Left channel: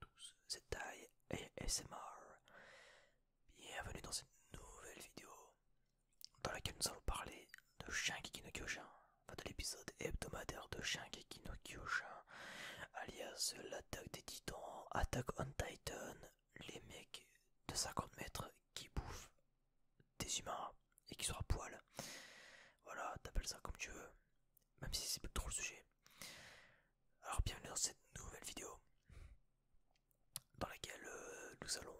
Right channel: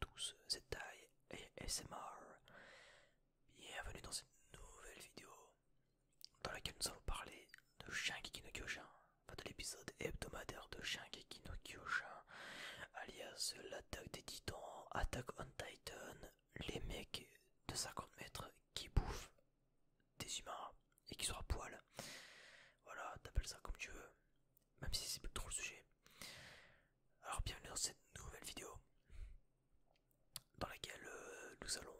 tous, c'est Tai et ASMR. Bienvenue dans cette nouvelle vidéo dans laquelle nous allons parler de Shingeki no Kyojin, enfin de l'épisode hebdomadaire de Shingeki no Kyojin, alias l'attaque des titans, Attack on Titan, les mecs de 50 mètres qui bouffent des humains et qui sont à poil. Voilà, t'appelles ça comme tu veux, même si c'est plus trop le sujet. Alors bienvenue dans cette nouvelle vidéo dans laquelle nous allons,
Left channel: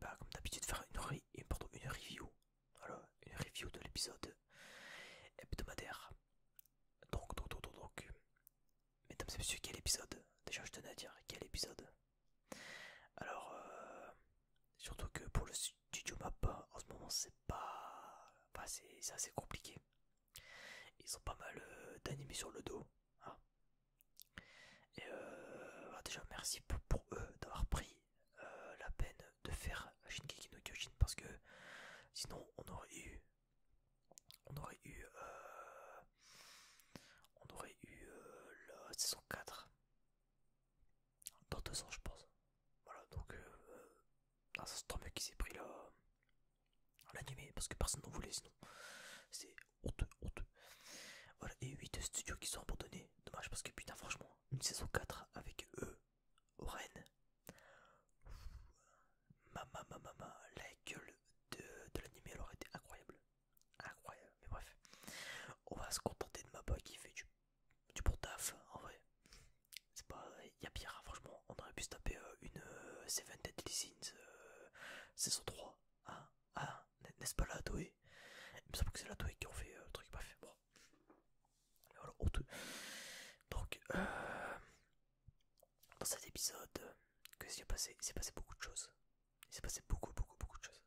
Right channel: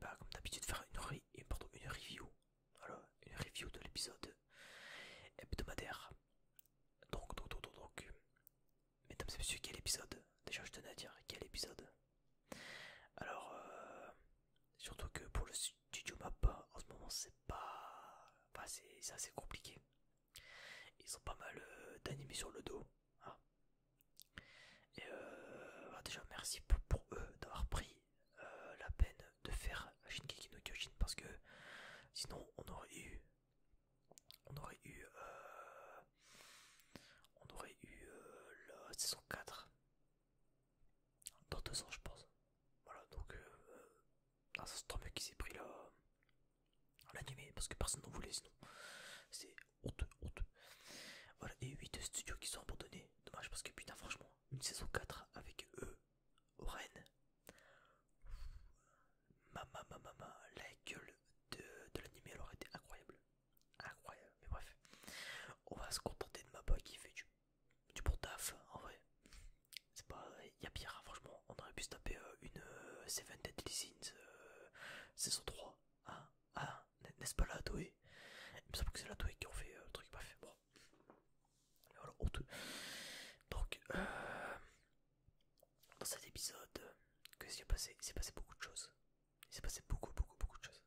comme d'habitude, faire une review. Voilà, une review de l'épisode hebdomadaire. Donc, mesdames et messieurs, quel épisode? Déjà, je tenais à dire quel épisode. Alors, surtout que pour le studio Mappa, en ce moment, c'est pas. Enfin, c'est assez compliqué. Ils ont pas mal d'animés sur le dos. Hein. Et déjà, merci pour eux d'avoir pris la peine de faire Shingeki no Kyojin parce que sinon on aurait eu la saison 4 dans 2 ans je pense. Voilà donc c'est tant mieux qu'il s'est pris l'animé parce que personne n'en voulait sinon. C'est honteux, honteux. Voilà, et 8 studios qui sont abandonnés. Dommage parce que putain franchement, une saison 4 avec eux, Oren, la gueule de l'anime elle aurait été incroyable. Incroyable, mais bref. On va se contenter de Mappa qui fait du bon taf, en vrai. C'est pas. Y a pire, hein, franchement. On aurait pu se taper une Seven Deadly Sins saison 3. Hein, hein, n'est-ce pas la Toei? Il me semble que c'est la Toei qui ont fait le truc, bref, bon. Mais voilà, honteux. Donc, dans cet épisode, qu'est-ce qui s'est passé? Il s'est passé beaucoup de choses. Il s'est passé beaucoup de choses.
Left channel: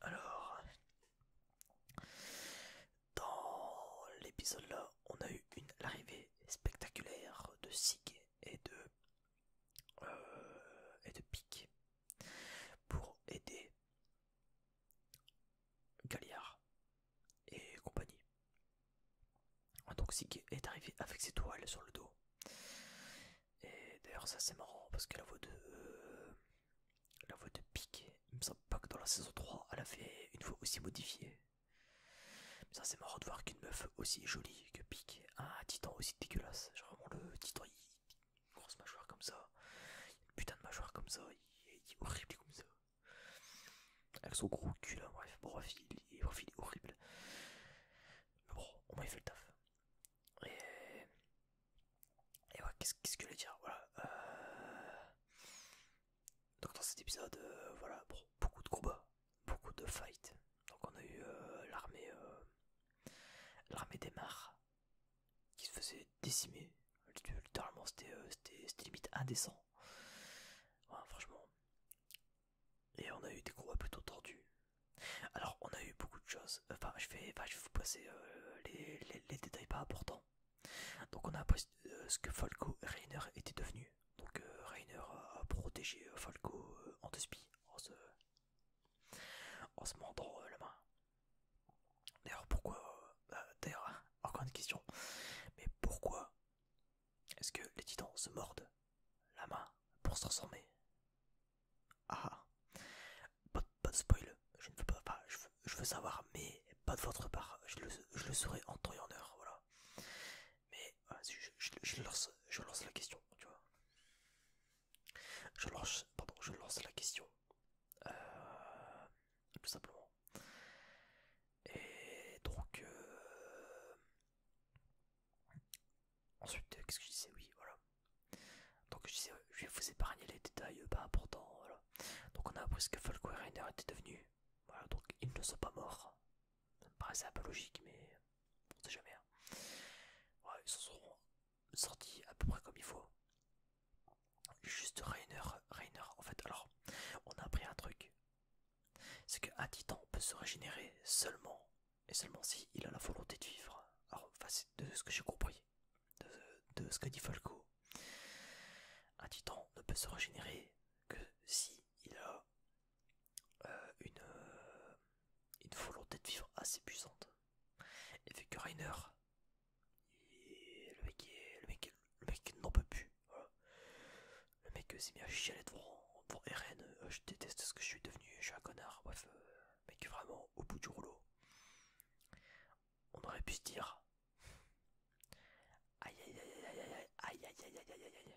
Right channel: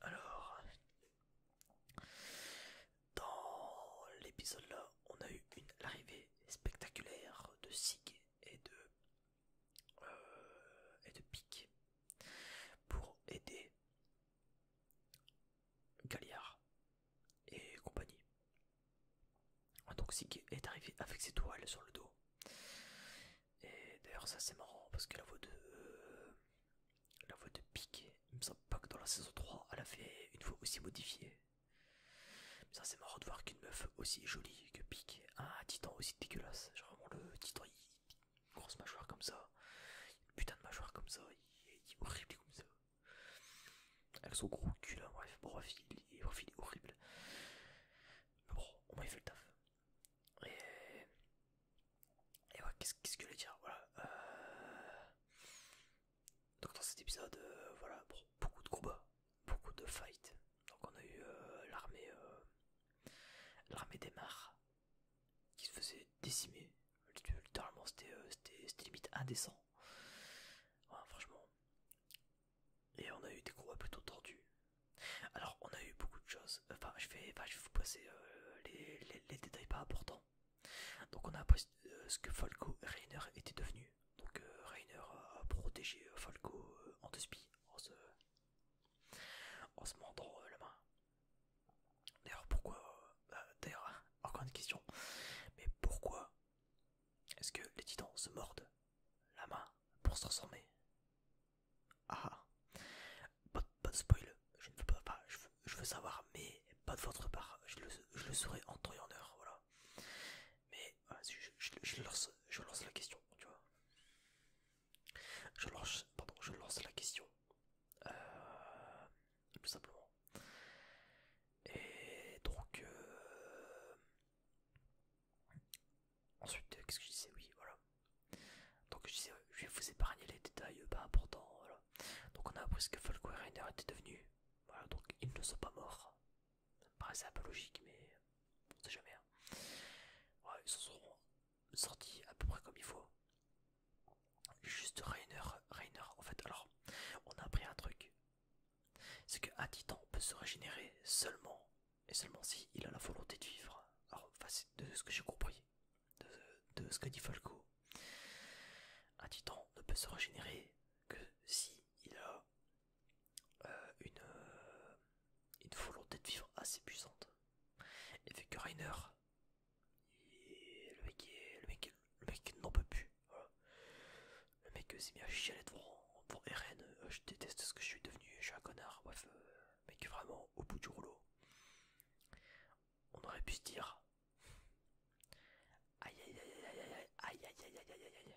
Alors, dans l'épisode là, on a eu l'arrivée spectaculaire de Sig et de Pique pour aider Galliard et compagnie. Donc Sig est arrivé avec ses toiles sur le dos. Et d'ailleurs ça c'est marrant parce que la voix de Pique, il me semble pas que dans la saison 3 elle a fait une voix aussi modifiée. Mais ça c'est marrant de voir qu'une meuf aussi jolie que Pique a un titan aussi dégueulasse. Genre vraiment le titan, une grosse mâchoire comme ça, une putain de mâchoire comme ça, il est horrible comme ça. Avec son gros cul là, bref, il est horrible. Mais bon, au moins il fait le taf. Et, et ouais, qu'est-ce que je voulais dire? Voilà. Donc dans cet épisode, voilà, bon, beaucoup de combats, beaucoup de fights. Donc on a eu l'armée des mares qui se faisait décimer. Littéralement, c'était limite indécent. Ouais, franchement. Et on a eu des combats plutôt tordus. Alors, on a eu beaucoup de choses. Je vais vous passer les détails pas importants. Donc, on a appris ce que Falco et Reiner étaient devenus. Donc, Reiner a protégé Falco en deux spies en se mordant la main. D'ailleurs, pourquoi d'ailleurs, encore une question. Mais pourquoi est-ce que les titans se mordent la main pour se transformer? Ah, pas de spoil. Je ne veux pas, enfin, je veux savoir, mais pas de votre part. Je le saurai en temps et en heure, voilà. Mais je lance la question, tu vois. Je lance la question. Tout simplement. Et donc, ensuite, qu'est-ce que je disais? Oui, voilà. Donc je disais, je vais vous épargner les détails pas importants, voilà. Donc on a appris ce que Falco et Reiner étaient devenus. Voilà, donc ils ne sont pas morts. Ça me paraissait un peu logique, mais on sait jamais. Hein. Ouais, ils s'en seront sortis à peu près comme il faut. Juste Reiner, en fait, alors, on a appris un truc. C'est qu'un titan peut se régénérer seulement, et seulement si il a la volonté de vivre. Alors, enfin, c'est de ce que j'ai compris, de ce que dit Falco. Un titan ne peut se régénérer que si il a une volonté de vivre assez puissante. Et vu que Reiner, le mec n'en peut plus. s'est mis à chialer devant Eren. Je déteste ce que je suis devenu, je suis un connard. Bref, mec, vraiment au bout du rouleau. On aurait pu se dire aïe aïe aïe aïe aïe aïe aïe aïe aïe aïe aïe.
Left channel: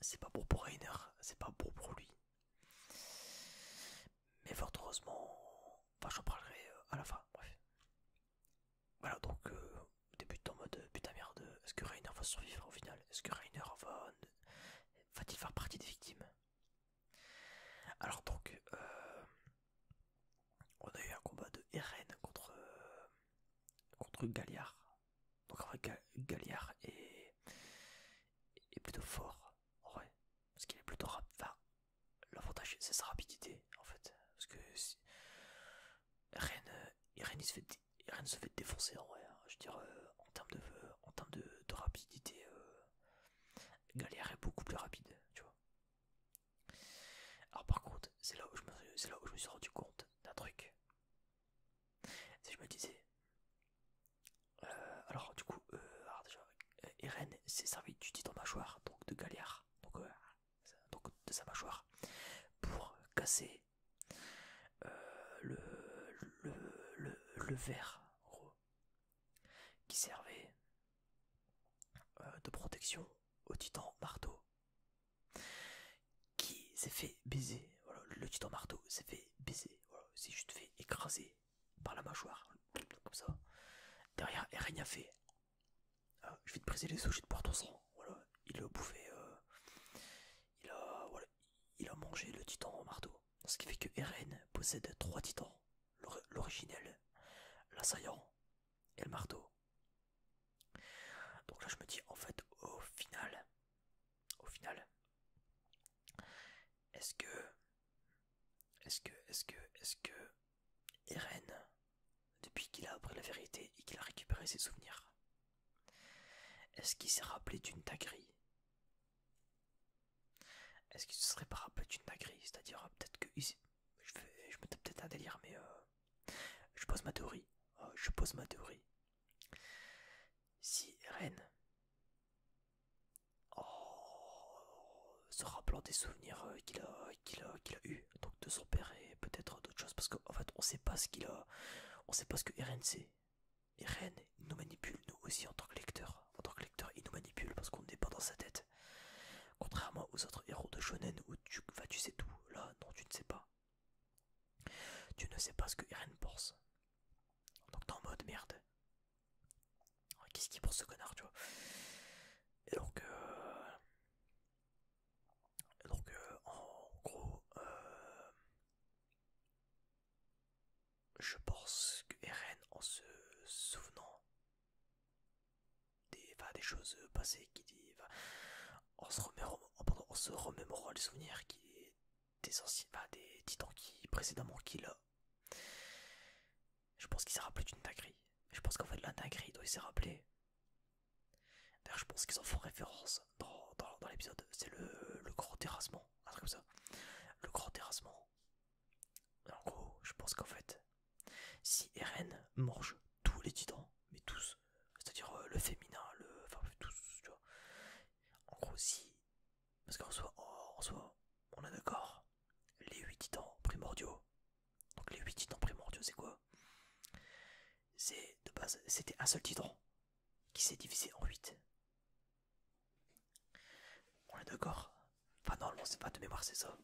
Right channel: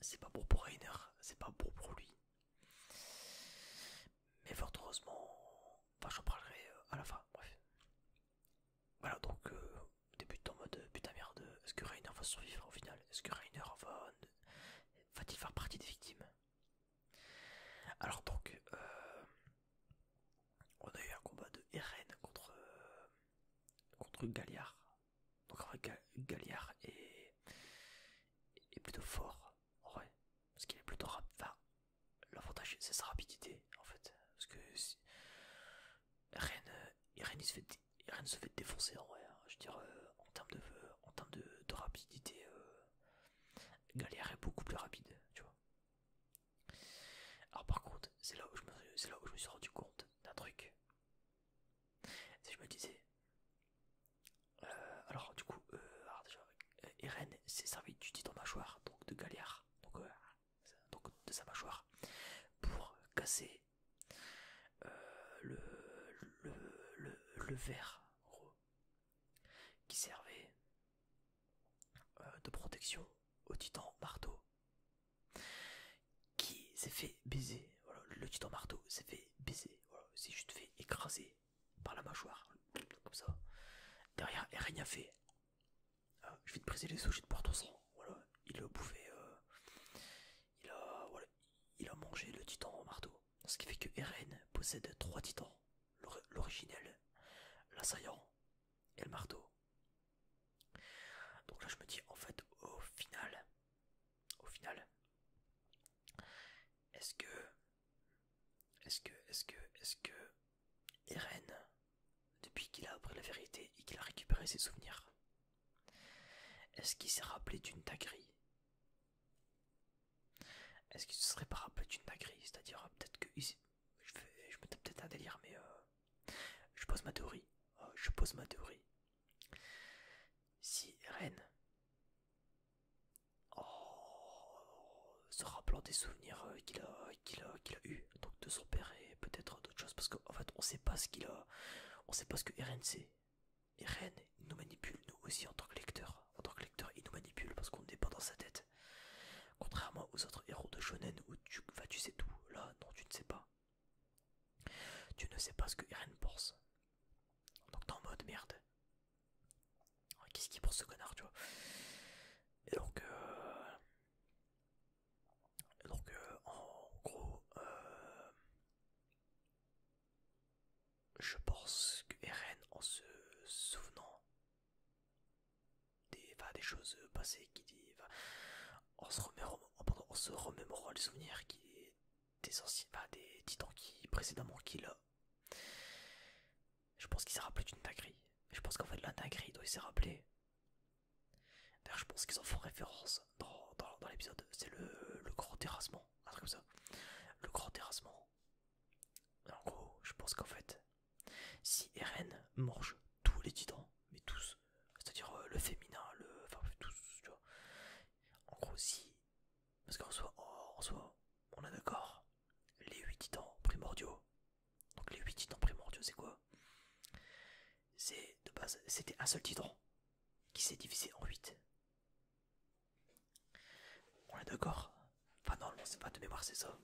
C'est pas bon pour Reiner, c'est pas bon pour lui. Mais fort heureusement, enfin j'en parlerai à la fin, bref. Voilà donc débute en mode putain merde, est-ce que Reiner va survivre au final? Est-ce que Reiner va-t-il faire partie des victimes? Alors donc on a eu un combat de Eren contre Galliard. Donc en vrai Galliard est plutôt fort en vrai. Parce qu'il est plutôt rapide. Enfin, l'avantage c'est sa rapidité en fait. Parce que Eren se fait défoncer en vrai. Hein. Je veux dire en termes de rapidité, Galliard est beaucoup plus rapide, tu vois. Alors par contre, c'est là où je me suis rendu compte d'un truc. C'est que je me disais, alors du coup, alors déjà, Eren s'est servi du titan mâchoire, donc de Galliard, donc de sa mâchoire, pour casser le, le verre, en gros, qui servait de protection au titan marteau, qui s'est fait baiser. Voilà, le titan marteau s'est fait baiser, voilà, s'est juste fait écraser par la mâchoire, comme ça. Derrière, Eren a fait je vais te briser les os, je vais te boire ton sang. Voilà, il a bouffé, voilà, il a mangé le titan en marteau. Ce qui fait que Eren possède 3 titans, l'originel, l'assaillant et le marteau. Donc là je me dis en fait au final, est-ce que Eren, depuis qu'il a appris la vérité et qu'il a récupéré ses souvenirs, est-ce qu'il s'est rappelé d'une dinguerie? Est-ce qu'il se serait pas rappelé d'une dinguerie? C'est-à-dire peut-être que je me tape peut-être un délire, mais je pose ma théorie. Je pose ma théorie. Si Eren, se rappelant des souvenirs qu'il a eu, donc de son père et peut-être d'autres choses, parce qu'en fait on sait pas on sait pas ce que Eren sait. Eren nous manipule nous aussi en tant que lecteur. En tant que lecteur, il nous manipule parce qu'on n'est pas dans sa tête. Contrairement aux autres héros de shonen où tu sais tout. Là, non, tu ne sais pas. Tu ne sais pas ce que Eren pense. Donc t'es en mode merde. Qu'est-ce qu'il pense ce connard, tu vois? Et en gros, je pense que Eren, en se souvenant des choses passées, en se remémorant les souvenirs des anciens, des titans précédemment qu'il a, je pense qu'il s'est rappelé d'une dinguerie. Je pense qu'en fait la dinguerie dont il s'est rappelé, d'ailleurs je pense qu'ils en font référence dans l'épisode, c'est le grand terrassement, un truc comme ça. Le grand terrassement. En gros, je pense qu'en fait, si Eren mange tous les titans, mais tous, c'est-à-dire le féminin, enfin tous, tu vois. En gros, si, parce qu'en soi, on est d'accord, les 8 titans primordiaux. Donc les 8 titans primordiaux, c'est quoi? C'est de base, c'était un seul titan qui s'est divisé en 8. On est d'accord? Enfin non, c'est pas de mémoire, c'est ça.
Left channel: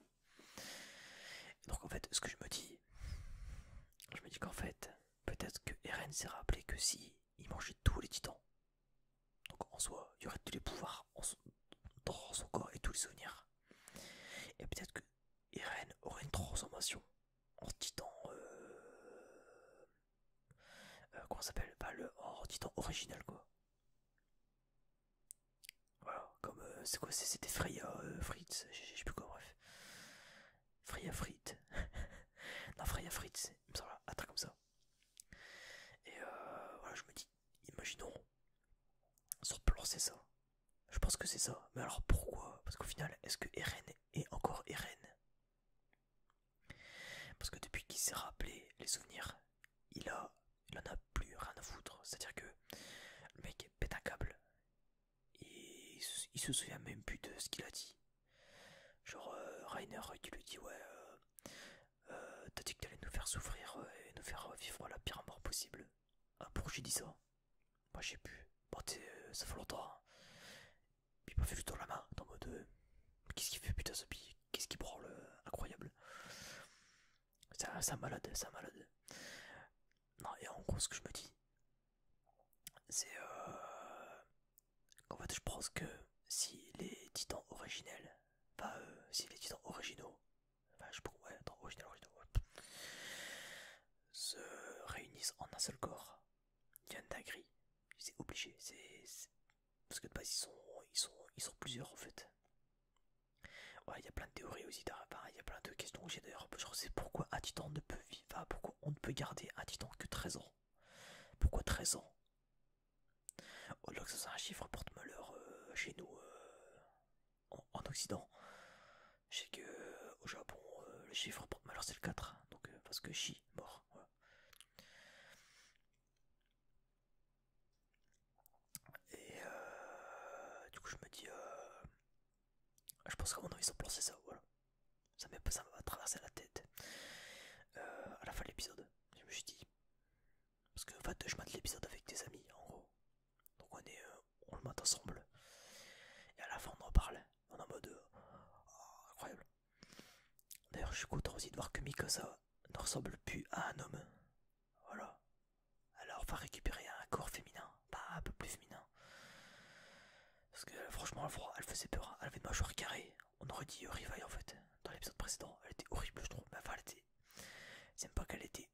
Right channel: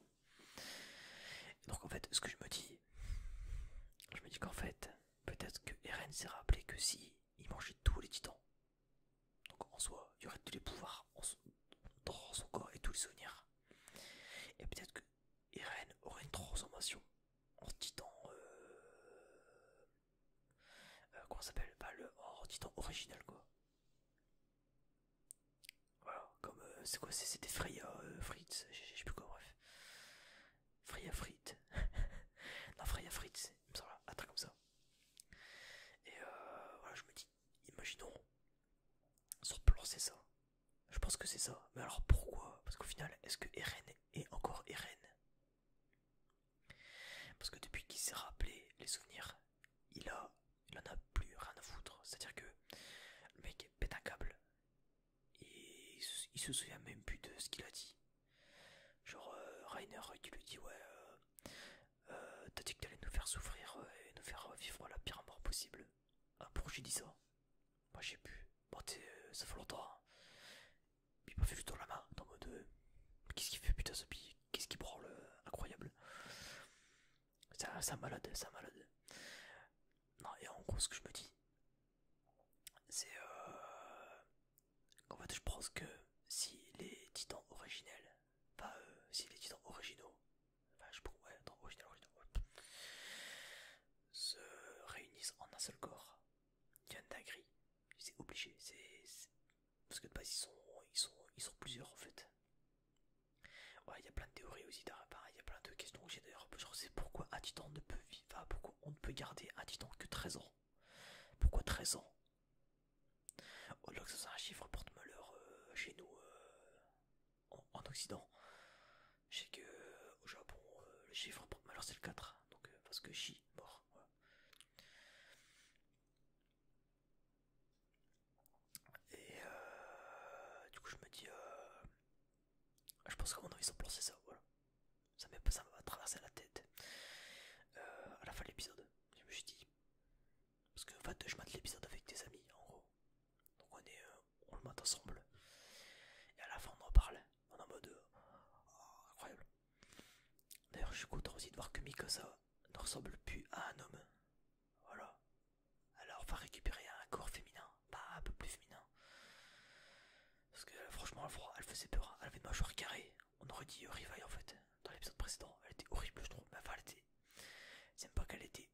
Donc en fait, ce que je me dis qu'en fait, peut-être que Eren s'est rappelé que si il mangeait tous les titans, donc en soi, il y aurait tous les pouvoirs dans son corps et tous les souvenirs. Et peut-être que Eren aurait une transformation en titan. Comment ça s'appelle? En titan original, quoi. Voilà, comme c'est quoi? C'était Freya Fritz, je sais plus quoi, bref. Freya Fritz. Non, Freya Fritz, il me semble, un truc comme ça. Et voilà, je me dis, imaginons, son plan c'est ça. Je pense que c'est ça. Mais alors pourquoi? Parce qu'au final, est-ce que Eren est encore Eren? Parce que depuis qu'il s'est rappelé les souvenirs, il en a plus rien à foutre. C'est-à-dire que le mec pète un câble. Et il se souvient même plus de ce qu'il a dit. Rainer qui lui dit ouais, t'as dit que t'allais nous faire souffrir et nous faire vivre la pire mort possible. Ah, pourquoi j'ai dit ça? Moi j'ai pu. Bon, ça fait longtemps. Hein. Il m'a fait juste dans la main, en mode qu'est-ce qu'il fait putain ce bi? Qu'est-ce qu'il branle incroyable. C'est un malade, c'est un malade. Non, et en gros, ce que je me dis, c'est en fait, je pense que si les titans originels, enfin, si les titans originaux, enfin, je pense, ouais, attends, original, ouais, se réunissent en un seul corps, il y a une dinguerie. C'est obligé, parce que de base, ils sont plusieurs en fait. Ouais, il y a plein de théories aussi, il y a plein de questions que j'ai d'ailleurs. Genre, c'est pourquoi un titan ne peut vivre, enfin, pourquoi on ne peut garder un titan que 13 ans? Pourquoi 13 ans? Au-delà que ça soit un chiffre porte-malheur chez nous en Occident. Je sais que au Japon, le chiffre porte-malheur c'est le 4. Donc, parce que Shi, mort. Voilà. Et du coup, je me dis, je pense qu'à mon avis, ils ont pensé ça, voilà. Ça m'a traversé la tête. À la fin de l'épisode, je me suis dit, parce que en fait, je mate l'épisode avec des amis, en gros. Donc on le mate ensemble. Et à la fin, on en parle. On est en mode, oh, incroyable. D'ailleurs, je suis content aussi de voir que Mikasa ne ressemble plus à un homme. Voilà. Alors, on va récupérer un corps féminin, pas un peu plus féminin. Parce que franchement, elle faisait peur. Hein. Elle avait une mâchoire carrée. On aurait dit Rivaille en fait. Dans l'épisode précédent, elle était horrible, je trouve. Enfin, elle était. C'est même pas qu'elle était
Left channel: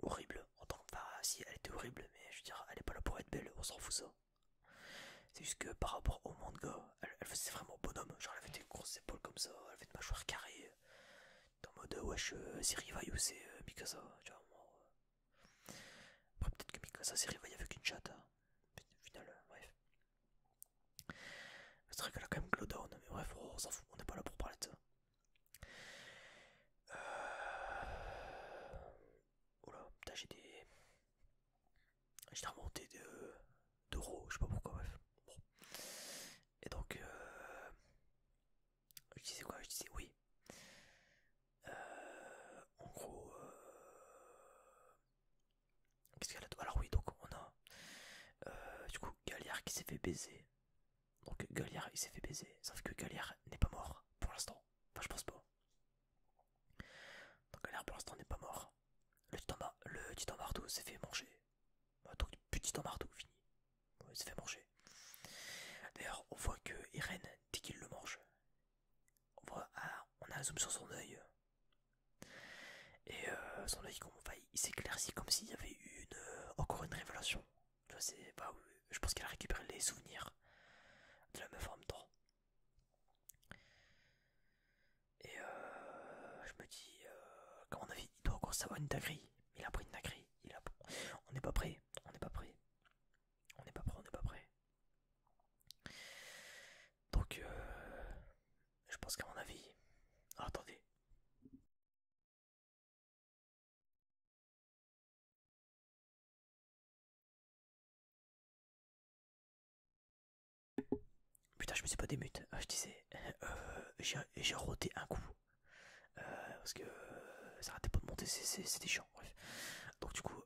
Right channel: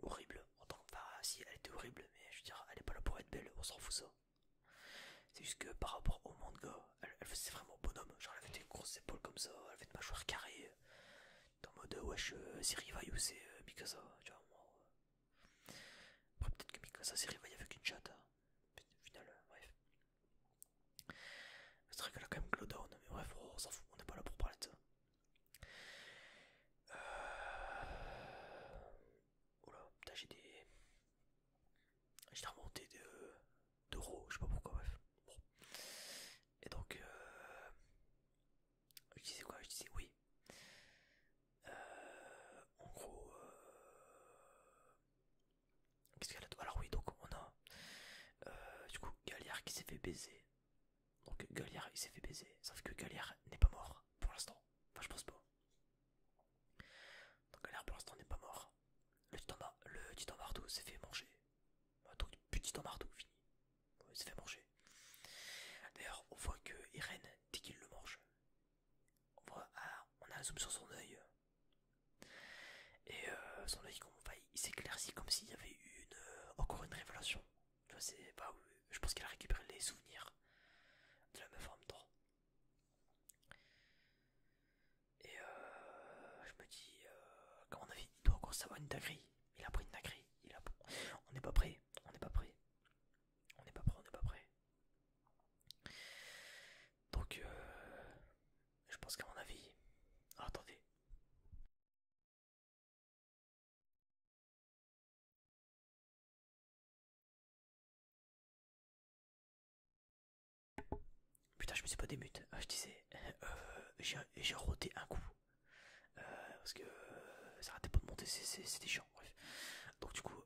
horrible en tant que. Enfin, si, elle était horrible, mais je veux dire, elle est pas là pour être belle, on s'en fout ça. C'est juste que par rapport au manga, elle faisait vraiment bonhomme. Genre, elle avait des grosses épaules comme ça, elle avait une mâchoire carrée. En mode, wesh, c'est Rivaille ou c'est Mikasa, tu vois. Après, peut-être que Mikasa c'est Rivaille avec une chatte. Hein. Au final, bref. C'est vrai qu'elle a quand même Glowdown, mais bref, on s'en fout, on n'est pas là pour parler de ça. Oula, putain, j'ai remonté d'euros, je sais pas pourquoi, bref. Bon. Et donc, je disais quoi? Je disais oui. En gros, qu'est-ce qu'elle a? Alors oui, donc on a du coup Galliard qui s'est fait baiser. Donc Galliard il s'est fait baiser, sauf que Galliard n'est pas mort pour l'instant. Enfin, je pense pas. Donc Galliard pour l'instant n'est pas mort. Le titan marteau s'est fait manger. Donc plus de titan marteau, fini. Il s'est fait manger. D'ailleurs, on voit que Irène, dès qu'il le mange, on a un zoom sur son œil. Et son œil, il s'éclaircit comme s'il y avait eu encore une révélation. Tu vois, je pense qu'elle a récupéré les souvenirs de la meuf en même temps. Et je me dis, qu'à mon avis, il doit encore savoir une dinguerie. Il a pris une dinguerie. On n'est pas prêt. On n'est pas prêt. On n'est pas prêt, on n'est pas prêt. Donc, je pense qu'à mon avis. Ah, attendez. Putain, je me suis pas démute. Je disais, j'ai roté un coup. Parce que ça arrêtait pas de monter, c'était chiant. Bref. Donc, du coup,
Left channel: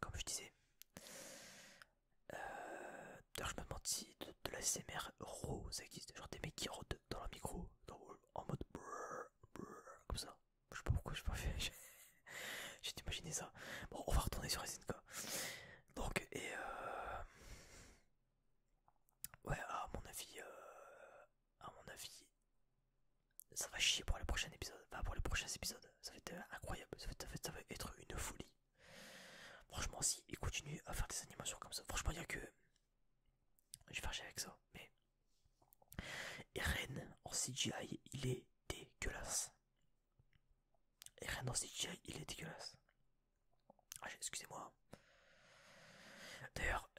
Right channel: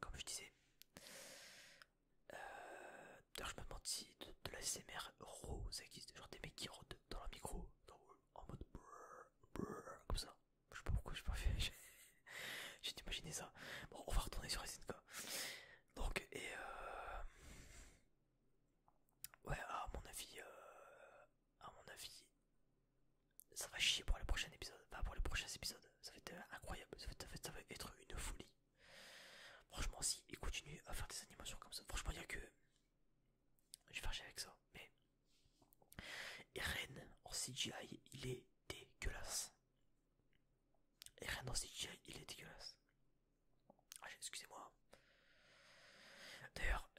comme je disais, d'ailleurs, je me demande si de la SMR raw ça existe. Genre des mecs qui rôdent dans le micro, en mode brrr, brrr, comme ça. Je sais pas pourquoi j'ai pas fait. J'ai imaginé ça. Bon, on va retourner sur SNK. Donc, et ouais, à mon avis, ça va chier pour les prochains épisodes. Enfin, pour les prochains épisodes. Ça va être incroyable. Ça va être une folie. Franchement, si il continue à faire des animations comme ça, franchement, il y a que. Je vais faire chier avec ça. Mais Eren en CGI, il est dégueulasse. Eren en CGI, il est dégueulasse. Ah, excusez-moi. D'ailleurs,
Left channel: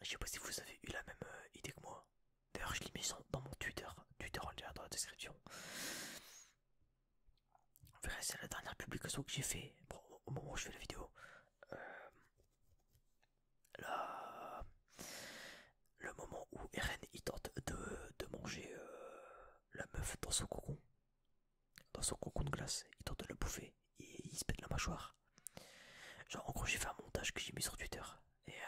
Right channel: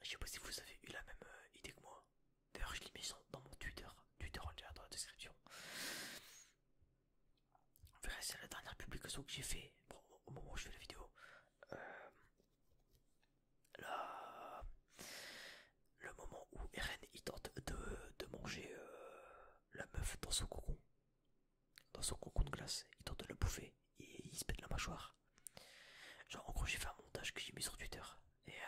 je sais pas si vous avez eu la même idée que moi. D'ailleurs, je l'ai mis dans mon Twitter. Twitter en lien dans la description. Vous verrez, c'est la dernière publication que j'ai fait. Bon, au moment où je fais la vidéo. Là, le moment où Eren il tente de son cocon. Dans son cocon de glace. Il tente de le bouffer. Et il se pète la mâchoire. Genre, en gros, j'ai fait un montage que j'ai mis sur Twitter. Et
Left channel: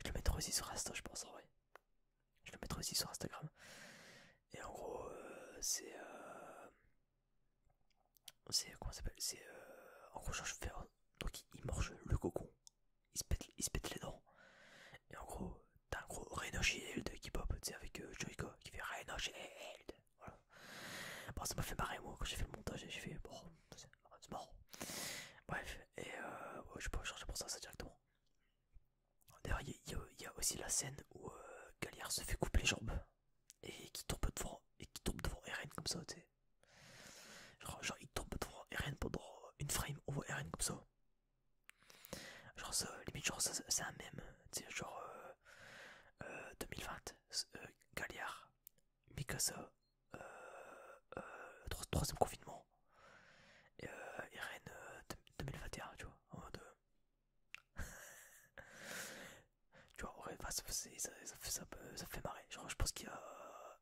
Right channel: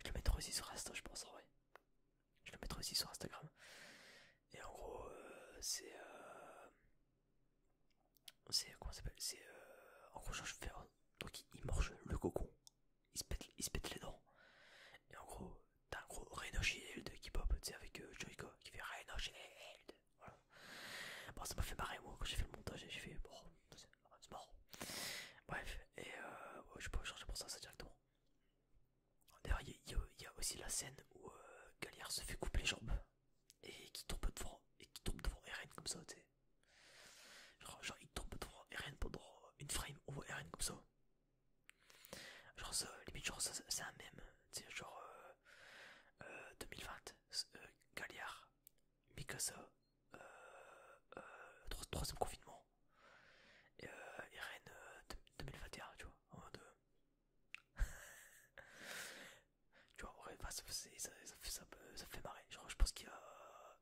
je le mettrai aussi sur Insta, je pense, en vrai. Je le mettrai aussi sur Instagram. Et en gros, c'est. Comment ça s'appelle? C'est. En gros, genre, je fais. Donc, il mange le cocon. Il se pète les dents. Et en gros, t'as un gros Rhino Shield qui pop, tu sais, avec Joico qui fait Rhino Shield. Voilà. Bon, ça m'a fait marrer, moi, quand j'ai fait le montage. Et j'ai fait, bon, c'est marrant. Bref, et ouais, je sais pas changer pour ça directement. D'ailleurs, il y a aussi la scène où Galliard se fait couper les jambes et qui tombe devant Eren comme ça, tu sais. Genre, il tombe devant Eren pendant une frame, on voit Eren comme ça. Genre ça, limite, genre ça, c'est un mème, tu sais, genre 2020, Galliard, Mikasa, troisième confinement, et Eren 2021, tu vois, en mode... tu vois, ouais, bah, ça fait marrer. Genre, je pense qu'il y a...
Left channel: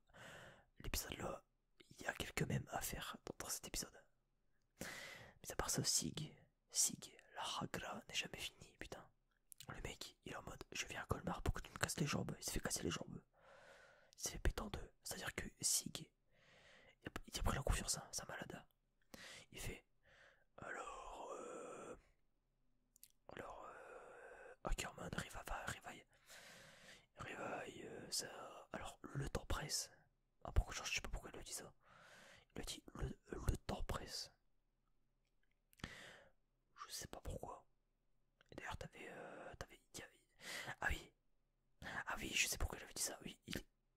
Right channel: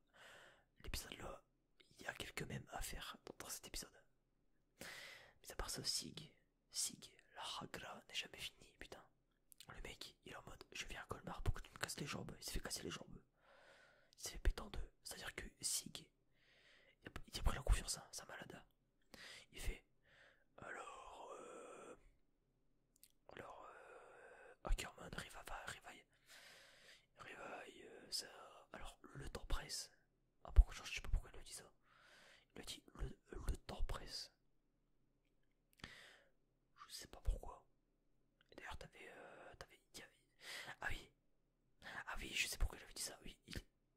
L'épisode là, il y a quelques mèmes à faire dans cet épisode. Mais à part ça, Sig, la hagra n'est jamais finie, putain. Le mec, il est en mode, je viens à Colmar pour que tu me casses les jambes. Il s'est fait casser les jambes. Il s'est fait péter en deux. C'est-à-dire que Sig, il a pris la confiance, hein, c'est un malade. Il fait, alors, Ackerman, Rivaille, ça... Alors, le temps presse. Ah, pourquoi, je sais pas pourquoi il lui dit ça. Il a dit, le temps presse. Je sais pas pourquoi. Et d'ailleurs, ah oui, ah oui, je sais pourquoi j'avais dit ça. Oui,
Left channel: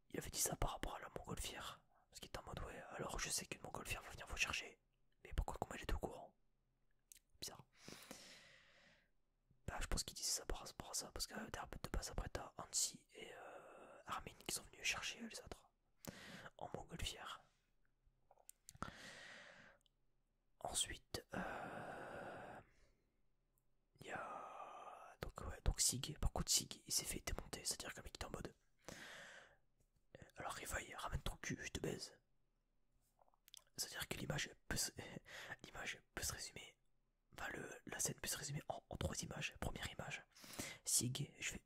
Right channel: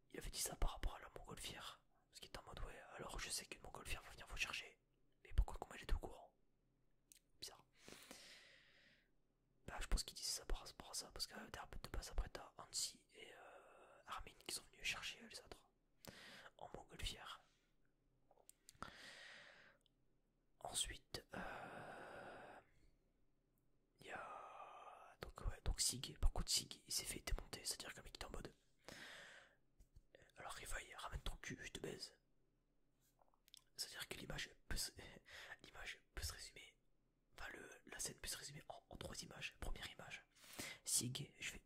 il avait dit ça par rapport à la montgolfière. Parce qu'il était en mode, ouais, alors je sais qu'une montgolfière va venir vous chercher. Mais pourquoi, comment elle est au courant? Bizarre. Bah, je pense qu'il disait ça par rapport à ça. Parce que derrière, de base, après, t'as Hansi et Armin qui sont venus chercher les autres en montgolfière. Ensuite, il y a. Donc Sig, par contre, Sig, il s'est fait démonter. C'est-à-dire que le mec était en mode. Alors, Rivaille, ramène ton cul, je te baise. C'est-à-dire que l'image peut se résumer. Enfin, la scène peut se résumer en trois images. Première image, Sig, je fais.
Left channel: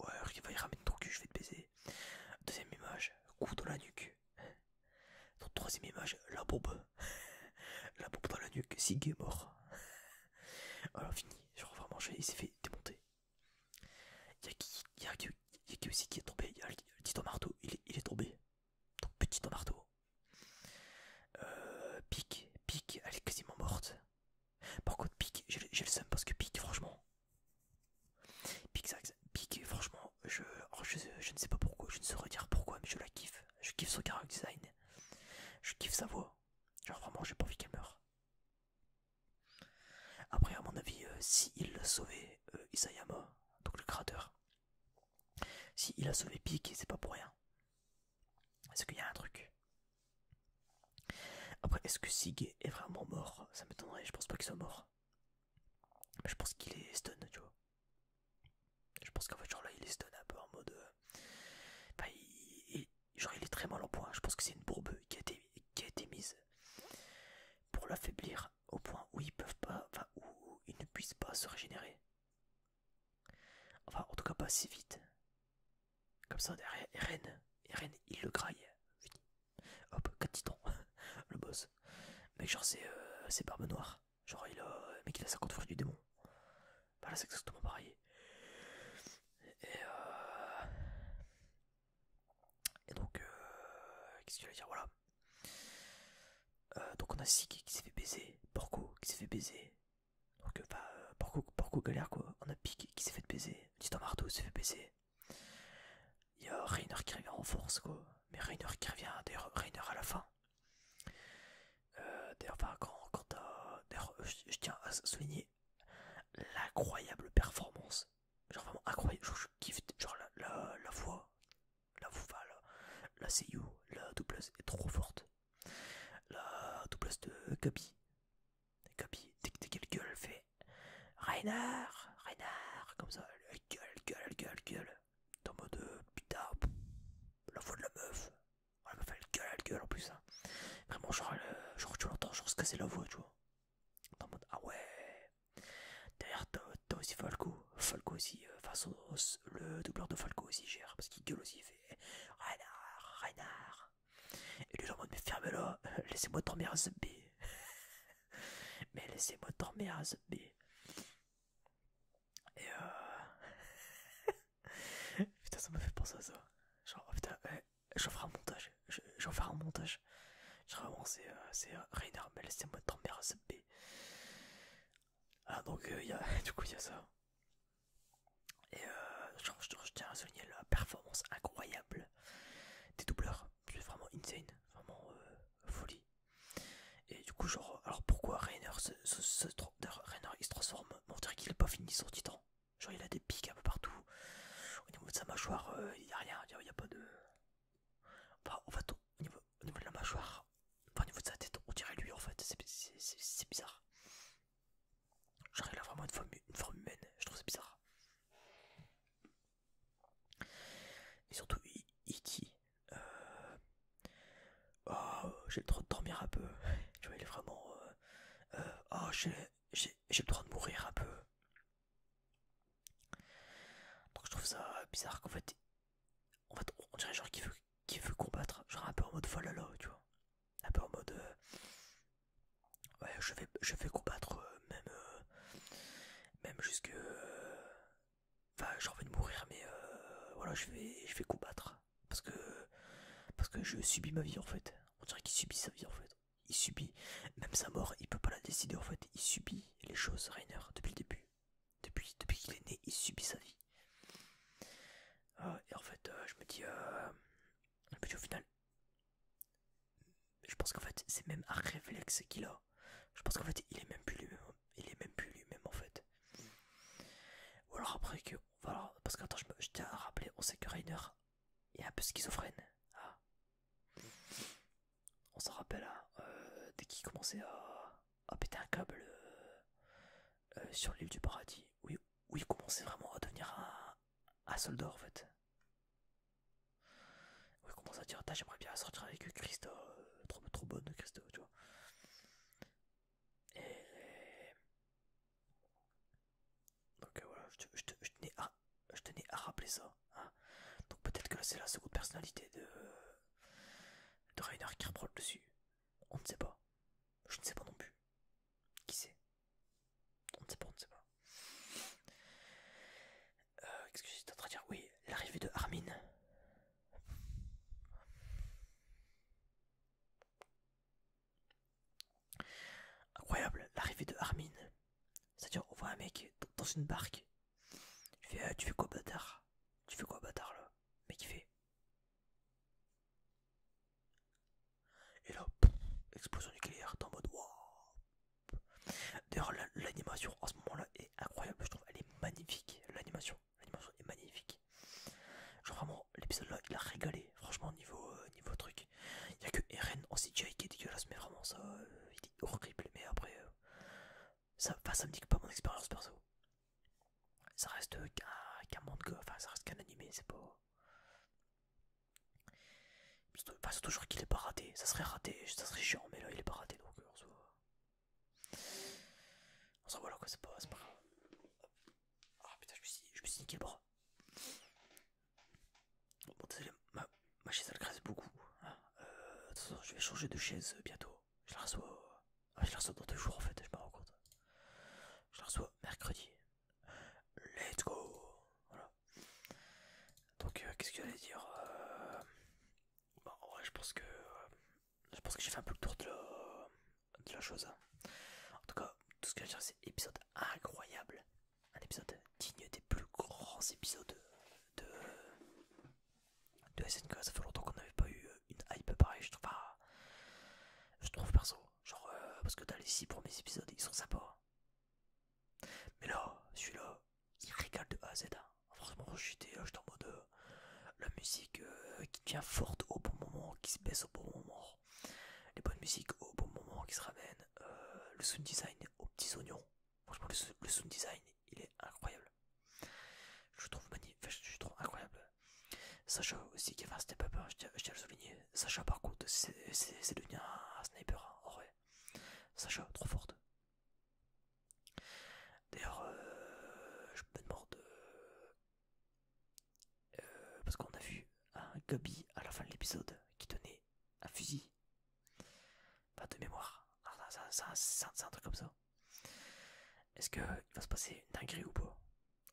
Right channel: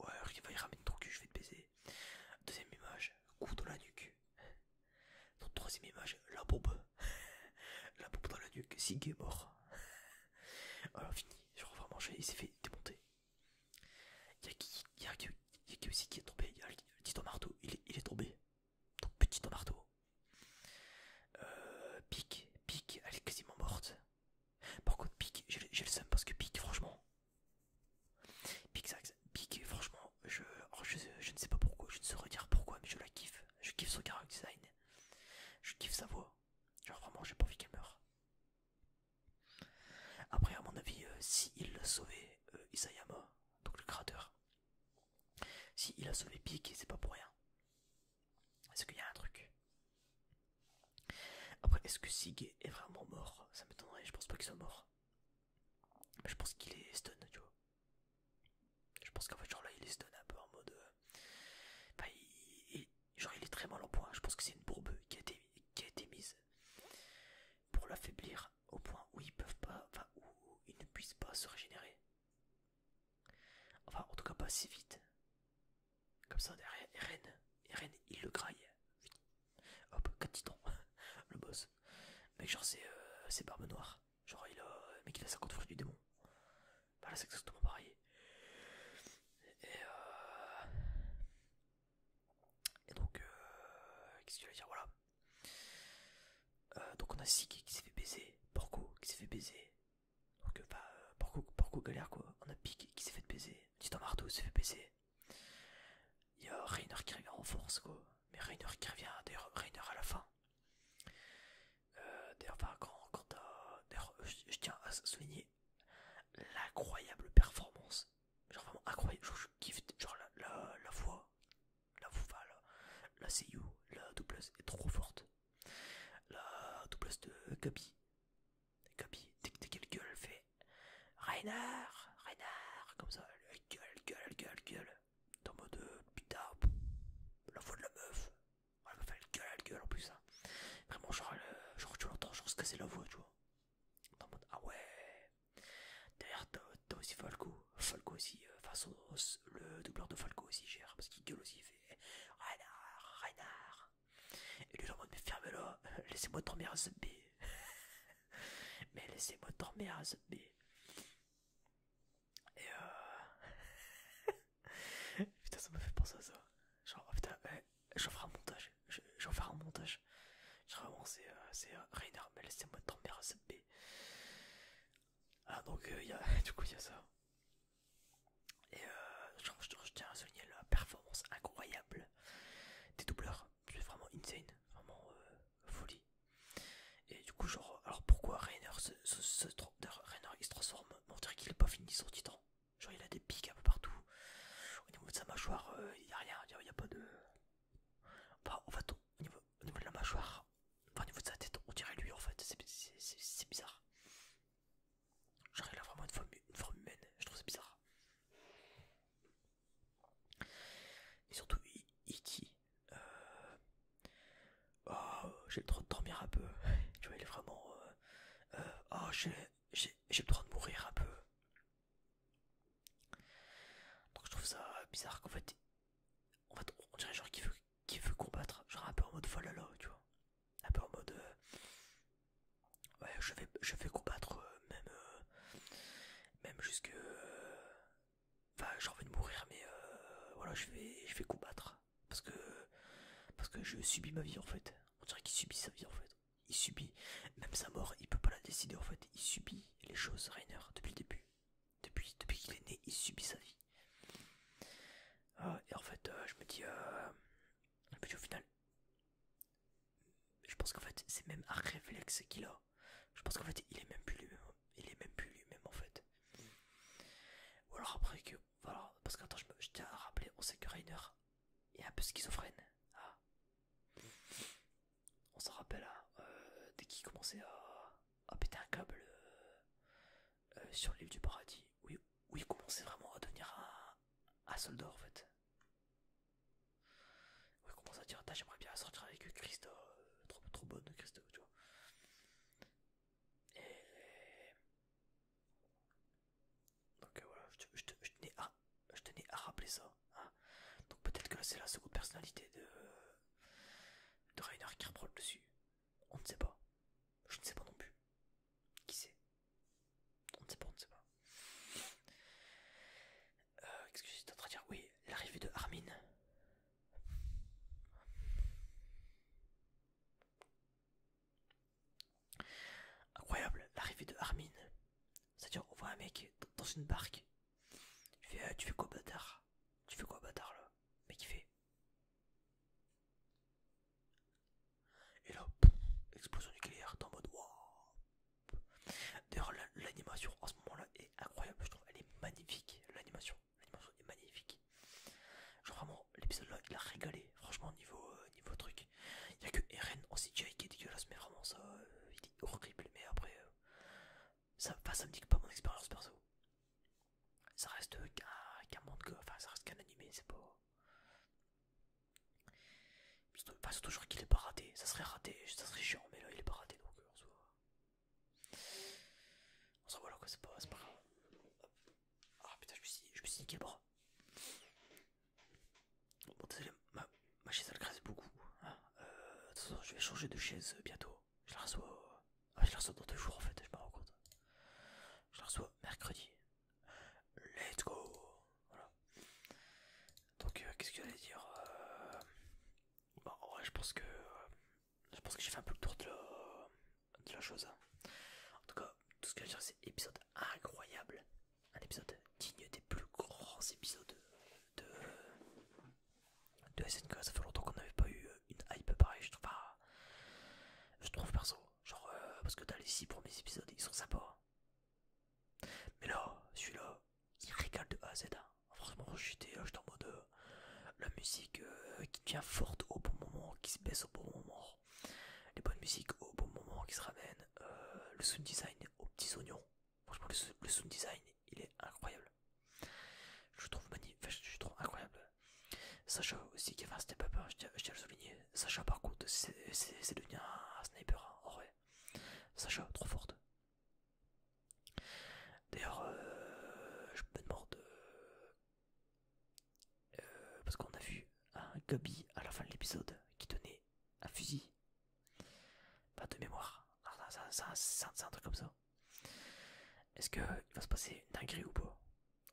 Ouais, Rivaille, ramène ton cul, je vais te baiser. Deuxième image, coup dans la nuque. Donc, troisième image, la bombe. La bombe dans la nuque, Sig est mort. Voilà, fini. Genre, vraiment, il s'est fait démonter. Il y a qui aussi qui est tombé. Il y a le Titan Marteau, il est tombé. Donc, petit Titan Marteau. Pique, elle est quasiment morte. Par contre, Pique, j'ai le seum parce que Pique, franchement. Pique, franchement, je ne sais pas pourquoi, je ne saurais dire pourquoi, mais je la kiffe. Je kiffe son character design. Je kiffe sa voix. Genre, vraiment, j'ai pas envie qu'elle meure. Après, à mon avis, si il a sauvé Isayama, donc le créateur, si il a sauvé Pique, c'est pas pour rien. Est-ce qu'il y a un truc? Après, est-ce que Sig est vraiment mort? Ça m'étonnerait, je pense pas qu'il soit mort. Mais je pense qu'il est stun, tu vois. Je pense qu'en fait, genre là, il est stun un peu en mode. Bah, genre, il est très mal en point. Je pense que c'est une bourbe qui a été mise pour l'affaiblir au point où ils peuvent pas. Enfin, où ils ne puissent pas se régénérer. Enfin, en tout cas, pas si vite. Comme ça, derrière Eren, il le graille. Hop, 4 titans. Le boss. Mec, genre, c'est Barbe Noire. Genre, mec, il a 50 fruits du démon. Bah là, c'est exactement pareil. Et donc, qu'est-ce que je vais dire? Voilà. Donc, on a Sig qui s'est fait baiser. Porco qui s'est fait baiser. Donc, Porco galère quoi. On a Pique qui s'est fait baiser. Titan Marteau s'est fait baiser. Il y a Reiner qui revient en force quoi. Mais Reiner qui revient, d'ailleurs, Reiner à la fin. D'ailleurs, enfin, quand t'as. D'ailleurs, je tiens à souligner l'incroyable performance. Genre vraiment incroyable. Genre, je kiffe. Genre la voix. La voix, la seiyuu, la doublesse est trop forte. La doublesse de Gabi. Gabi, dès qu'elle gueule, elle fait Reiner, comme ça, elle gueule. Dans mode putain, la voix de la meuf. La meuf, elle gueule en plus. Hein. genre tu l'entends genre se casser la voix, tu vois. T'es en mode ah ouais. Derrière t'as aussi Falco. Falco aussi, enfin le doubleur de Falco aussi gère parce qu'il gueule aussi, il fait Reinhard, Reinhard. Et lui, genre en mode mais fermez-la, laissez-moi dormir à zombie. Mais laissez-moi dormir à zombie. Et putain, ça m'a fait penser à ça. Genre, oh, putain, ouais, j'en ferai un montage. J'en ferai un montage. Genre, vraiment, c'est Reiner, mais laissez-moi dormir à zombie. Ah, donc, du coup, il y a ça. Et genre, je tiens à souligner la performance incroyable des doubleurs. C'est vraiment insane. Vraiment folie. Et du coup, genre, alors pourquoi Rainer Rainer, il se transforme? On dirait qu'il est pas fini son titan. Genre, il a des pics un peu partout. Au niveau de sa mâchoire, il y a rien, il y a pas de. Enfin, en fait, au niveau de la mâchoire, enfin, au niveau de sa tête, on dirait lui en fait. C'est bizarre. Genre, il a vraiment une forme humaine. Je trouve c'est bizarre. Et surtout, E.T. Oh, j'ai le droit de dormir un peu. Tu vois, il est vraiment. Oh, j'ai le droit de mourir un peu. Donc je trouve ça bizarre qu'en fait, on dirait genre qu'il veut combattre, genre un peu en mode Valhalla, tu vois. Un peu en mode, ouais, je vais combattre, même jusque, enfin, j'ai envie de mourir, mais voilà, je vais combattre parce que je subis ma vie en fait. On dirait qu'il subit sa vie en fait. Il subit, même sa mort, il peut pas la décider en fait. Il subit les choses, Rainer, depuis le début. Depuis qu'il est né, il subit sa vie. Et en fait, je me dis au final, je pense qu'en fait, c'est même un réflexe qu'il a. Je pense qu'en fait, il est même plus lui-même. Il est même plus lui-même en fait. Ou alors après que, voilà, parce qu'attends, je tiens à rappeler, on sait que Rainer est un peu schizophrène. Ah, on s'en rappelle, hein, dès qu'il commençait à péter un câble sur l'île du paradis, où il commençait vraiment à devenir un soldat en fait. Où il commence à dire, j'aimerais bien sortir avec Christa, trop bonne Christa, tu vois. Et donc voilà, je tenais à rappeler ça. Hein. Donc peut-être que là c'est la seconde personnalité de Rainer qui reprend le dessus. On ne sait pas. Je ne sais pas non plus. Qui sait? On ne sait pas, on ne sait pas. Qu'est-ce que j'étais en train de dire? Oui, l'arrivée de Armin. Incroyable, l'arrivée de Armin. C'est-à-dire, on voit un mec dans une barque. Tu fais quoi, bâtard? Tu fais quoi, bâtard, là? Mais qui fait? Et là, pouf, explosion nucléaire, t'es en mode waouh. D'ailleurs, l'animation en ce moment-là est incroyable, je trouve. Elle est magnifique, l'animation. L'animation est magnifique. Genre vraiment, l'épisode là, il a régalé. Franchement, niveau truc. Il y a que Eren en CGI qui est dégueulasse, mais vraiment, ça, il est horrible. Mais après, ça me dit que pas mon expérience perso. Ça reste qu'un manga, enfin, ça reste qu'un animé, c'est pas. Enfin, surtout, genre qu'il est pas raté. Ça serait raté, ça serait chiant, mais là, il est pas raté donc en soi. En soi, voilà quoi, c'est pas grave. Ah putain, je me suis niqué le bras. Bon, désolé, ma chaise elle graisse beaucoup. Hein. De toute façon, je vais changer de chaise bientôt. Je la reçois. Ah, je la reçois dans 2 jours en fait, je me rends compte. Je la reçois mercredi. Let's go! Voilà. Donc, qu'est-ce que j'allais dire? Bon, en vrai, je pense que j'ai fait un peu le tour de la chose. Hein. En tout cas, tout ce que je veux dire, c'est épisode incroyable. Un épisode digne des plus grands épisodes de, de SNK. Ça fait longtemps qu'on n'avait pas eu une hype pareille. Je trouve perso. Genre, parce que dans les 6 premiers épisodes, ils sont sympas. Mais là, celui-là, il régale de A à Z. Hein. Franchement, j'étais en mode la musique qui devient forte au bon moment, qui se baisse au bon moment. Les bonnes musiques au bon moment qui se ramènent. Le sound design aux petits oignons. Franchement, le sound design, il est incroyable. Je trouve magnifique, je trouve incroyable. Sacha aussi qui a fait un step up, hein, je tiens à le souligner. Sacha par contre c'est devenu un sniper hein, en vrai. Sacha trop forte. D'ailleurs je me demande parce qu'on a vu un Gabi à la fin de l'épisode qui tenait un fusil. Pas de mémoire. C'est un truc comme ça. Est-ce qu'il va se passer une dinguerie ou pas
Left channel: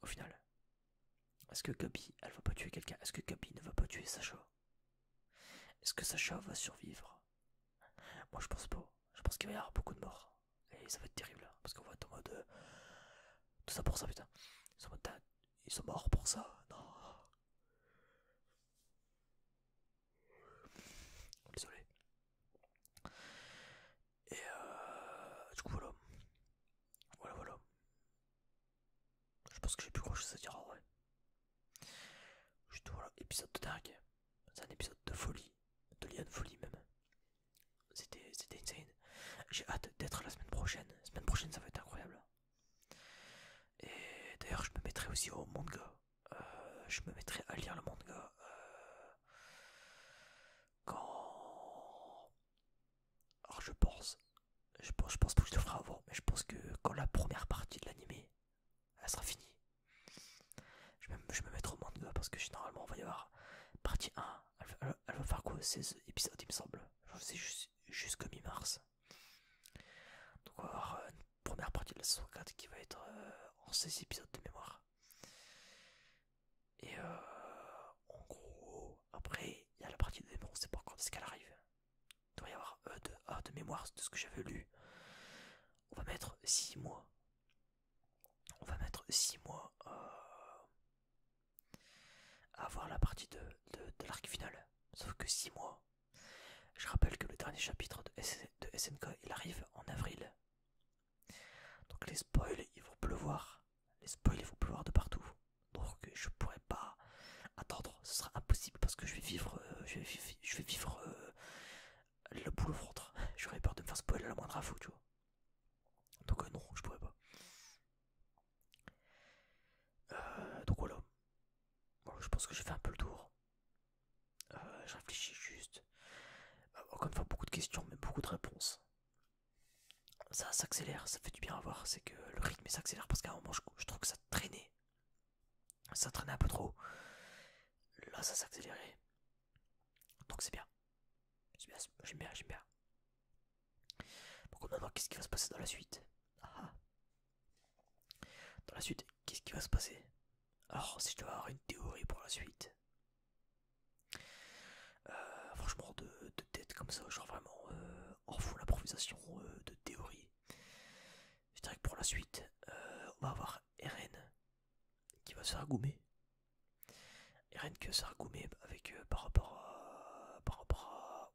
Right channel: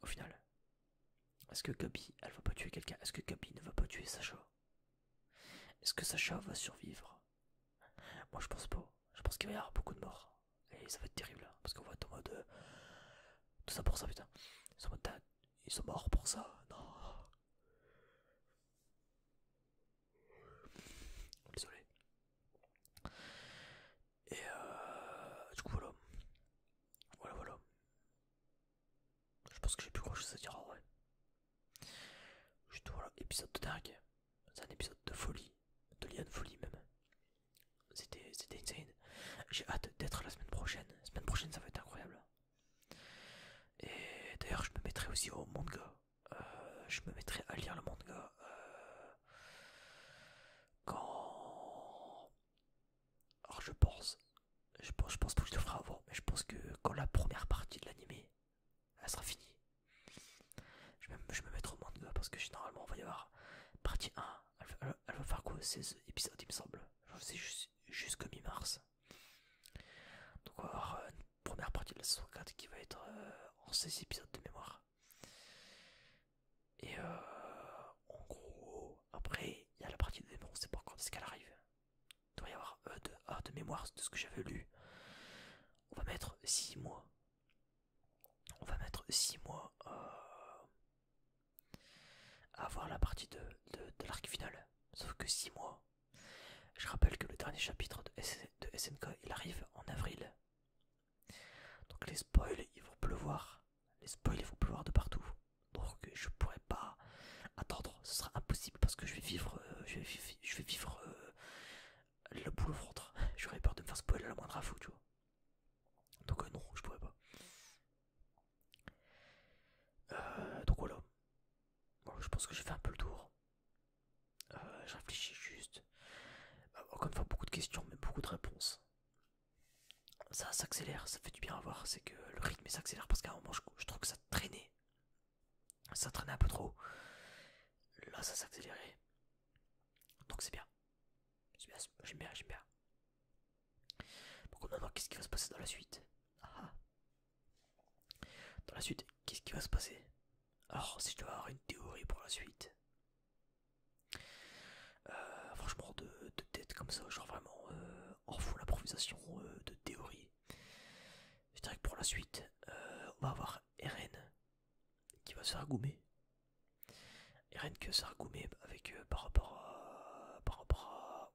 au final? Est-ce que Gabi elle va pas tuer quelqu'un? Est-ce que Gabi ne va pas tuer Sacha? Est-ce que Sacha va survivre? Moi je pense pas. Je pense qu'il va y avoir beaucoup de morts. Et ça va être terrible. Hein, parce qu'on va être en mode. Tout ça pour ça putain. Ils sont en mode. Ils sont morts pour ça. Non. Désolé. Et du coup voilà. Voilà. Je pense que j'ai plus grand chose à dire en vrai. Juste voilà, épisode de dingue. C'est un épisode de folie. De lien de folie même. C'était insane. J'ai hâte d'être la semaine prochaine. La semaine prochaine ça va être incroyable. Et d'ailleurs je me mettrai aussi au manga. Je me mettrai à lire le manga quand. Alors je pense pas que je le ferai avant, mais je pense que quand la première partie de l'animé elle sera finie, je me mettrai au manga parce que généralement on va y avoir partie 1, elle va faire quoi 16 épisodes il me semble. C'est jusqu'à mi-mars. Donc on va avoir une première partie de la saison 4 qui va être en 16 épisodes de mémoire. Et en gros, après il y a la partie 2, mais on sait pas quand est-ce qu'elle arrive. Il doit y avoir de mémoire de ce que j'avais lu. On va mettre 6 mois. On va mettre 6 mois à avoir la partie de l'arc final. Sauf que 6 mois. Je rappelle que le dernier chapitre de SNK il arrive en avril. Donc les spoils ils vont pleuvoir. Les spoils ils vont pleuvoir de partout. Donc je pourrais pas attendre. Ce sera impossible parce que je vais vivre. Je vais vivre le boule au ventre. J'aurais peur de me faire spoiler à la moindre info, tu vois. Donc non, je pourrais pas. Donc voilà. Bon, je pense que j'ai fait un peu le tour. Je réfléchis juste. Encore une fois, beaucoup de questions, mais beaucoup de réponses. Ça s'accélère, ça fait du bien à voir. C'est que le rythme s'accélère parce qu'à un moment, je trouve que ça traînait. Ça traînait un peu trop. Là, ça s'accélérait. Donc c'est bien. J'aime bien. Donc maintenant, qu'est-ce qui va se passer dans la suite? Ah. Dans la suite, qu'est-ce qui va se passer? Alors, si je dois avoir une théorie pour la suite, franchement, de tête comme ça, genre vraiment en full improvisation de théorie, je dirais que pour la suite, on va avoir Eren qui va se faire goumer. Eren qui va se faire goumer avec, par rapport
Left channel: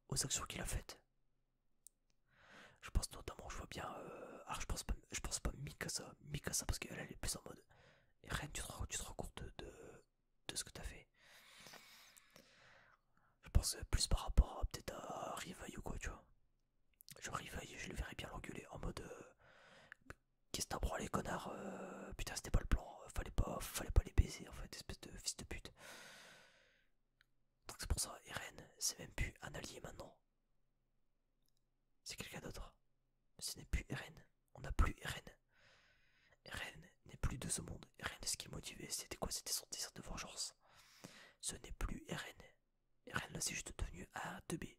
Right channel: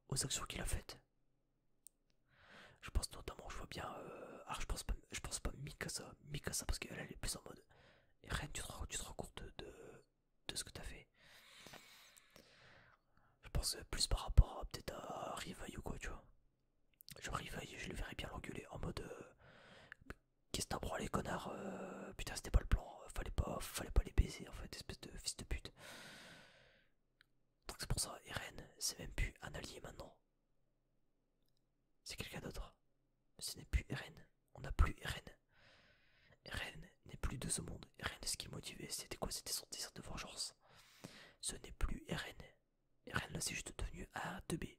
aux actions qu'il a faites. Je pense notamment, je vois bien. Alors je pense pas Mikasa parce qu'elle est plus en mode. Eren, tu te rends compte de ce que t'as fait. Je pense plus par rapport peut-être à Rivaille ou quoi, tu vois. Genre Rivaille, je le verrais bien l'engueuler en mode. Qu'est-ce que t'as branlé, connard? Putain, c'était pas le plan. Fallait pas les baiser en fait, espèce de fils de pute. Donc c'est pour ça, Eren, c'est même plus un allié maintenant. C'est quelqu'un d'autre. Ce n'est plus Eren. On n'a plus Eren. Eren n'est plus de ce monde. Eren, ce qui le motivait, c'était quoi? C'était son désir de vengeance. Ce n'est plus Eren. Eren, là, c'est juste devenu un 2B.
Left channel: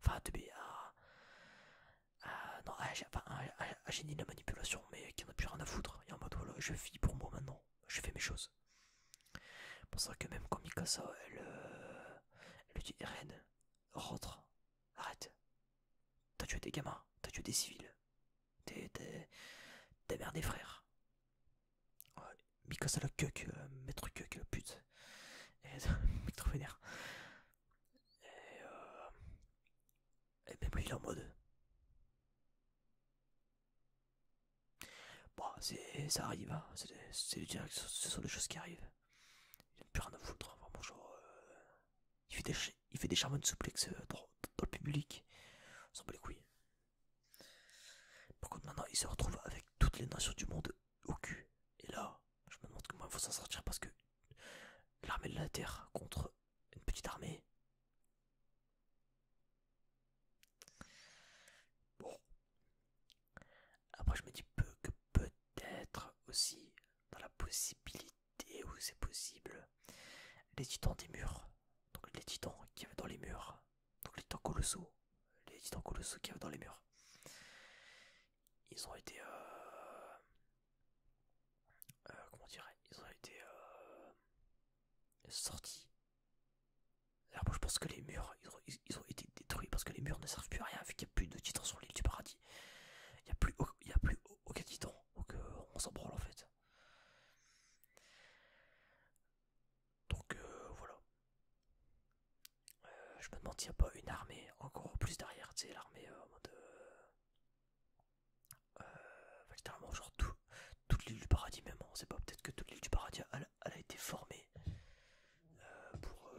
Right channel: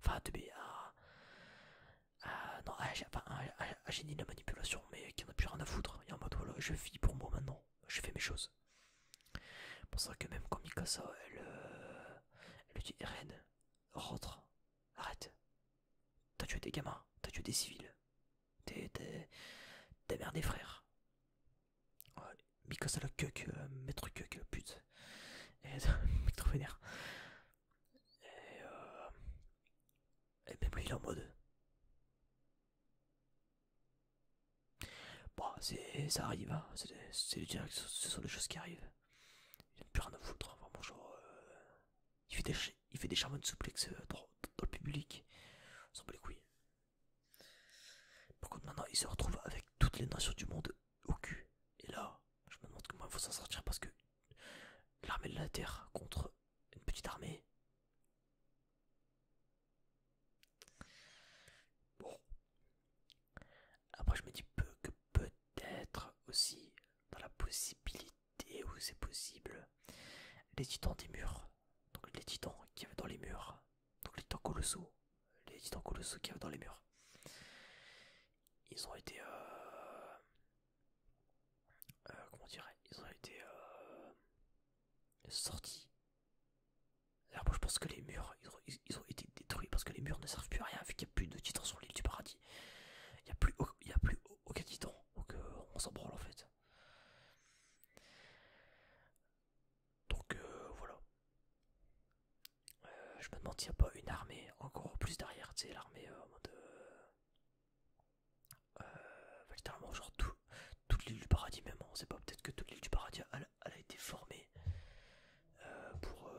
Enfin, un 2B, non, un génie de la manipulation, mais qui en a plus rien à foutre. Et en mode, voilà, je vis pour moi maintenant. Je fais mes choses. C'est pour ça que même quand Mikasa, elle dit Eren, rentre, arrête. T'as tué des gamins, t'as tué des civils. T'es mère des frères. Ouais, Mikasa la cuck, maître cuck, la pute. Et mec trop vénère. Et même lui il est en mode. Bon, ça arrive, hein. Ce sont des choses qui arrivent. Il n'a plus rien à foutre, vraiment genre. Il fait des charmants de souplex dans le public. On s'en bat les couilles. Par contre maintenant il se retrouve avec toutes les nations du monde au cul. Et là, je me demande comment il faut s'en sortir parce que l'armée de la terre contre une les titans des murs. Donc les titans qui avaient dans les murs. Donc les titans colossaux. Les titans colossaux qui avaient dans les murs. Ils ont été... comment dirais, ils ont été sortis. Alors moi je pense que les murs, ils ont été détruits parce que les murs ne servent plus à rien vu qu'il n'y a plus de titans sur l'île du paradis. Il y a plus aucun titan, donc on s'en branle en fait. Donc voilà. Je me demande s'il n'y a pas une armée encore plus derrière, tu sais, l'armée en mode... littéralement genre toute l'île du paradis même, on sait pas, peut-être que toute l'île du paradis elle a été formée pour...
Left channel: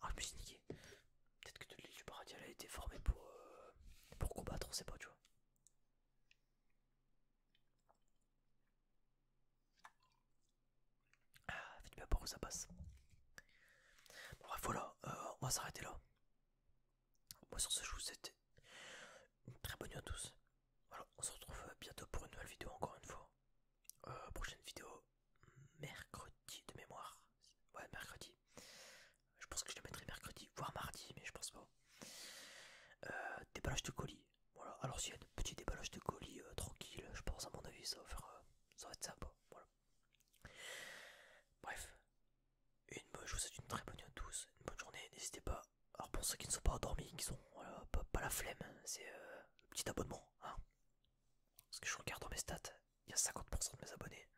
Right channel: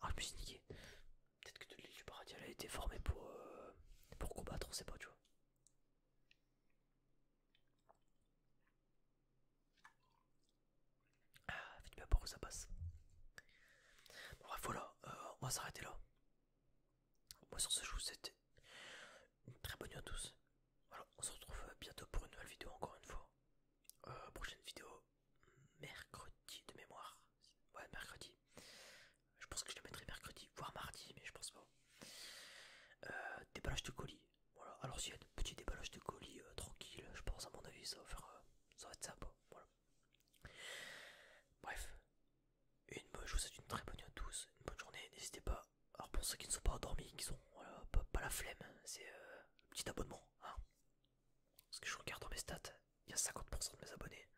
Ah, je me suis niqué. Peut-être que toute l'île du paradis elle a été formée pour combattre, on sait pas, tu vois. Ah, faites bien pas où ça passe. Bon, bref, voilà, on va s'arrêter là. Moi sur ce, je vous souhaite une très bonne nuit à tous. Voilà, on se retrouve bientôt pour une nouvelle vidéo encore une fois. Prochaine vidéo mercredi de mémoire. Ouais, mercredi. Je pense que je le mettrai mercredi, voire mardi, mais je pense pas. Déballage de colis. Voilà, à l'ancienne, petit déballage de colis tranquille. Je pense, à mon avis, ça va faire. Ça va être sympa. Voilà. Bref, je vous souhaite une très bonne nuit à tous. Une bonne journée. N'hésitez pas. Alors, pour ceux qui ne sont pas endormis, qui sont voilà, pas la flemme, c'est le petit abonnement. Hein. Parce que je regarde dans mes stats, il y a 50% de mes abonnés.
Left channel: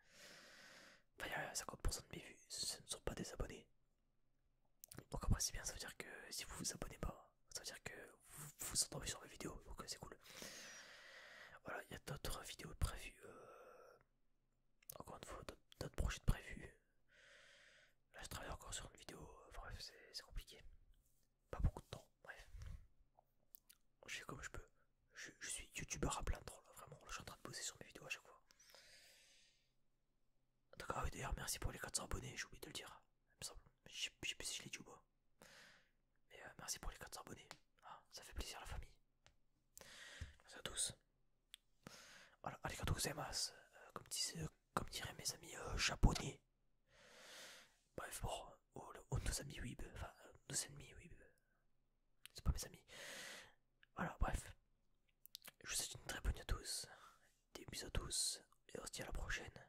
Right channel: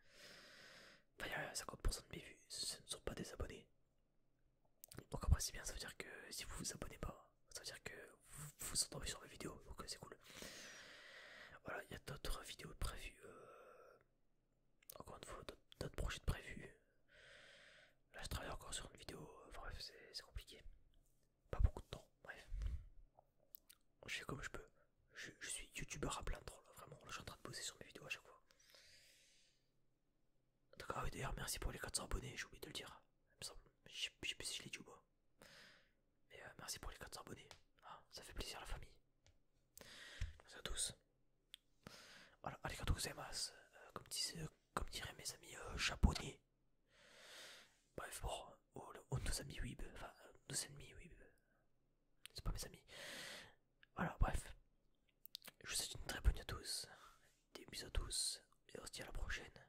Enfin, il y a 50% de mes vues, ce ne sont pas des abonnés. Donc après c'est bien, ça veut dire que si vous vous abonnez pas, ça veut dire que vous vous endormez sur mes vidéos, donc c'est cool. Voilà, il y a d'autres vidéos prévues, encore une fois, d'autres projets prévus. Là je travaille encore sur une vidéo, bref c'est compliqué. Pas beaucoup de temps, bref. Je fais comme je peux. Je suis youtubeur à plein temps là, vraiment, là je suis en train de bosser sur mes vidéos à chaque fois. D'accord, oui, d'ailleurs merci pour les 400 abonnés, j'ai oublié de le dire, il me semble. Je sais plus si je l'ai dit ou pas. Mais merci pour les 400 abonnés. Ah, ça fait plaisir à la famille. Merci à tous. Voilà, arigatou gozaimasu. Comme diraient mes amis japonais. Bref, bon, nos amis weeb. Enfin, nos ennemis weeb. C'est pas mes amis. Voilà, bref. Je vous souhaite une très bonne nuit à tous. Des bisous à tous. Et on se dit à la prochaine.